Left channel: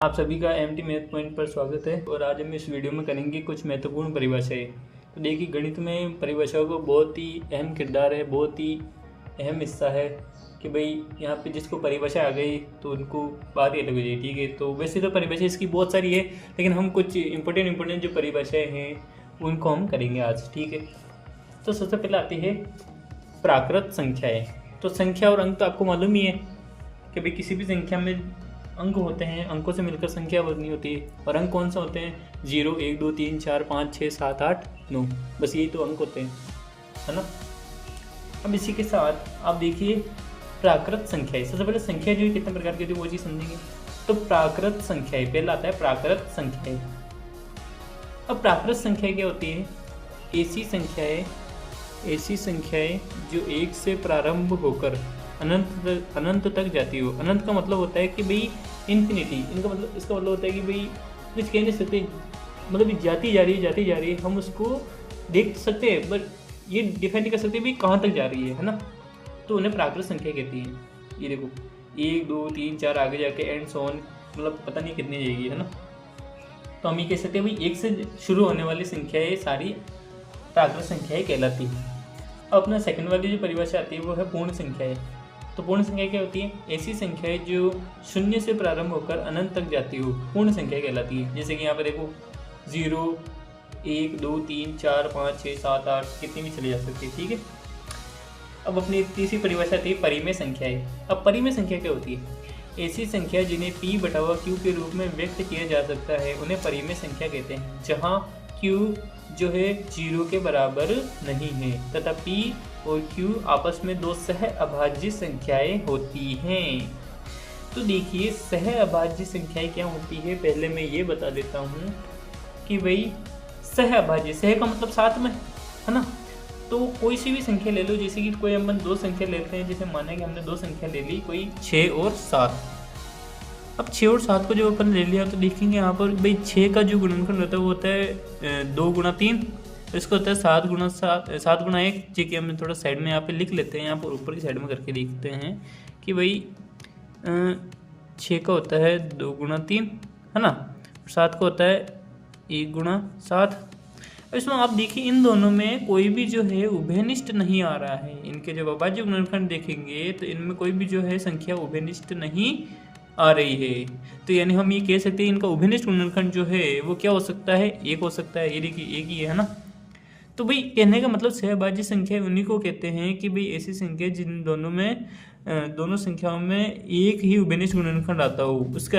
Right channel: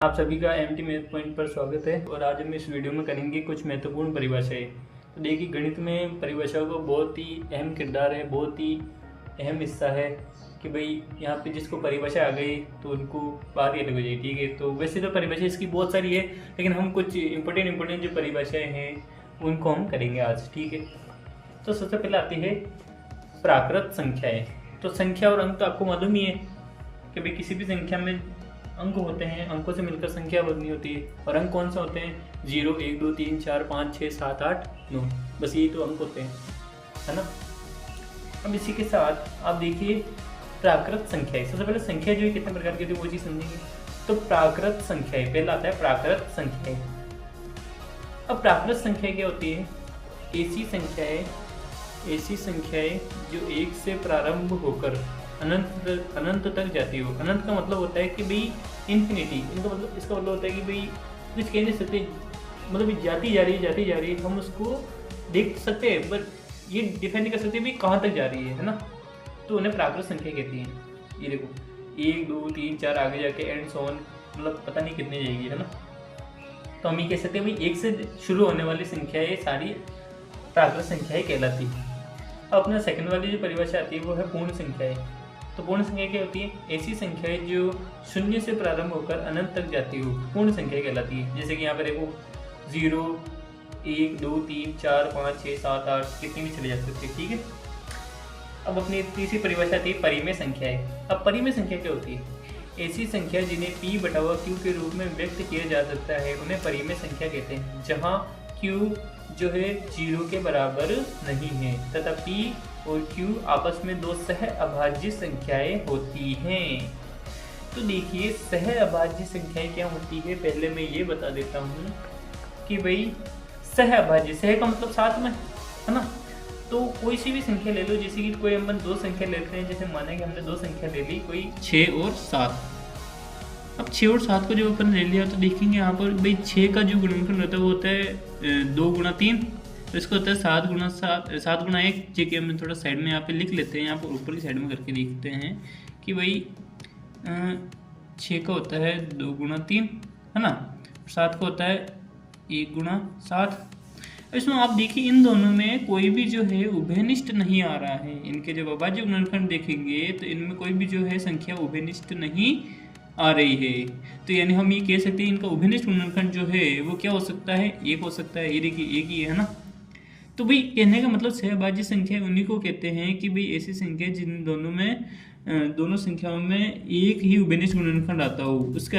आप सभी का एमटी मैथ पॉइंट पर स्वागत है। और आज हम इस वीडियो में करेंगे कुछ महत्वपूर्ण परिभाषाएं। तो देखिए, गणित में परिभाषाओं का बहुत ही अहम किरदार है, बहुत ही अहम हिस्सा है कि भाई यहाँ पे जिसको परिभाषा आ गई तो उनको बात ही अलग हो जाए। ठीक है, तो वैसे तो परिभाषा इसकी बहुत सारी है, लेकिन हम कुछ इंपॉर्टेंट जो परिभाषाएँ हैं उनको हम करेंगे आज। ठीक है, तो सबसे पहले आती है प्राकृत संख्याएँ। तो संख्या और अंक तो आपको मालूम ही है कि भाई किसी भी संख्या में अंक होते हैं, अंकों से मिलकर संख्या बननी होती है। और अंक कौन सा होते हैं? 0, 1, 2, 3, 4, 5, 6, 7, 8, 9, बस यही तो अंक होते हैं, है ना। अब इसी के साथ आप देखिए प्राकृत संख्याएं। सबसे पहले संख्या जो है कितने प्रकार की होती है वो चीज़ समझेंगे। तो प्राकृत संख्याएं, पहला आता है प्राकृत संख्याएं। अब प्राकृत संख्या क्या होती है? ऐसी संख्याएं जो 1 से प्रारंभ होकर अनंत तक जाती हो। अनंत का मतलब होता है कि भाई इन्फिनिटी। इनका मतलब, इसका मतलब होता है कि भाई कुछ कह नहीं सकते, मतलब जाती जा रही है, हम उसको देख सकते हैं पर ये डिफाइन नहीं कर सकते भाई कहाँ तक जा रही है ना। तो उन्हें प्राकृत संख्या कहती हैं। ये देखो 1, 2, 3, 4 आगे जाके एंड सो ऑन, मतलब पता नहीं कितनी जाएगी, है ना। तो हम ये कह सकते हैं भाई 1 से शुरू होने वाली संख्याएं सारी प्राकृत संख्याएं कहलाती है। अब अपना सेकंड वाली जो परिभाषा आती है वो है पूर्ण संख्याएं। तो पूर्ण संख्या क्या होती है? ऐसी संख्याएं जो 0 से प्रारंभ होकर अनंत तक जाती हो, पूर्ण संख्या कहलाती है। जैसे कि यहाँ पर देखो 0, 1, 2, 3, 4, 5, 6, 7, 8 कितनी भी चली जा सकती है। ठीक है, अब अपनी तीसरी परिभाषा आती है परिमेय संख्याएं। अब परिमेय संख्या क्या होती है? ऐसी संख्या जिन्हें P/Q के रूप में व्यक्त किया जा सकता है उन्हें परिमेय संख्या कहते हैं, जहाँ Q जो है 0 के बराबर नहीं है तथा P और Q आपस में दो सह अभाज्य संख्याएं होती हैं। तो देखिए सह अभाज्य संख्याएं क्या होती है, पहले मैं ये बता देता हूँ कि भाई सह अभाज्य, सह का मतलब साथ में, है ना। तो कोई सी भी संख्या ले लो, जैसे कि कोई हम 2 संख्या लेते हैं, जैसे माने कि हमने 2 संख्या ले ली, कोई 6 और 7। अब 6 और 7 को जो अपन ले लिया तो देखेंगे यहाँ पर भाई 6 का जो गुणनखंड होता है वो होता है 2 गुणा 3, तो इसको होता है 7 गुणा 7 गुणा 1। जो कि हम थोड़ा साइड में यहाँ पे लिख लेते हैं, यहाँ पर ऊपर की साइड में करके देखते हैं कि भाई 6 का होता है 2 गुणा 3, है ना। 7 का होता है 1 गुणा 7। इसमें आप देखिए इन दोनों में कोई भी जो है उभयनिष्ठ नहीं आ रहा है। इनके जब अभाज्य गुणनखंड देखेंगे तो इनमें कोई भी जो है संख्या उभयनिष्ठ नहीं आ रही है। तो यानी हम ये कह सकते हैं इनका उभयनिष्ठ गुणनखंड जो है वो क्या हो सकता है? 1 हो सकता है। ये देखिए 1 ही है ना। तो भाई कहने का मतलब सहभाज्य संख्या उन्हीं को कहते हैं कि भाई ऐसी संख्या जिन दोनों संख्याओं में एक ही उभयनिष्ठ गुणनखंड आता हो। उसका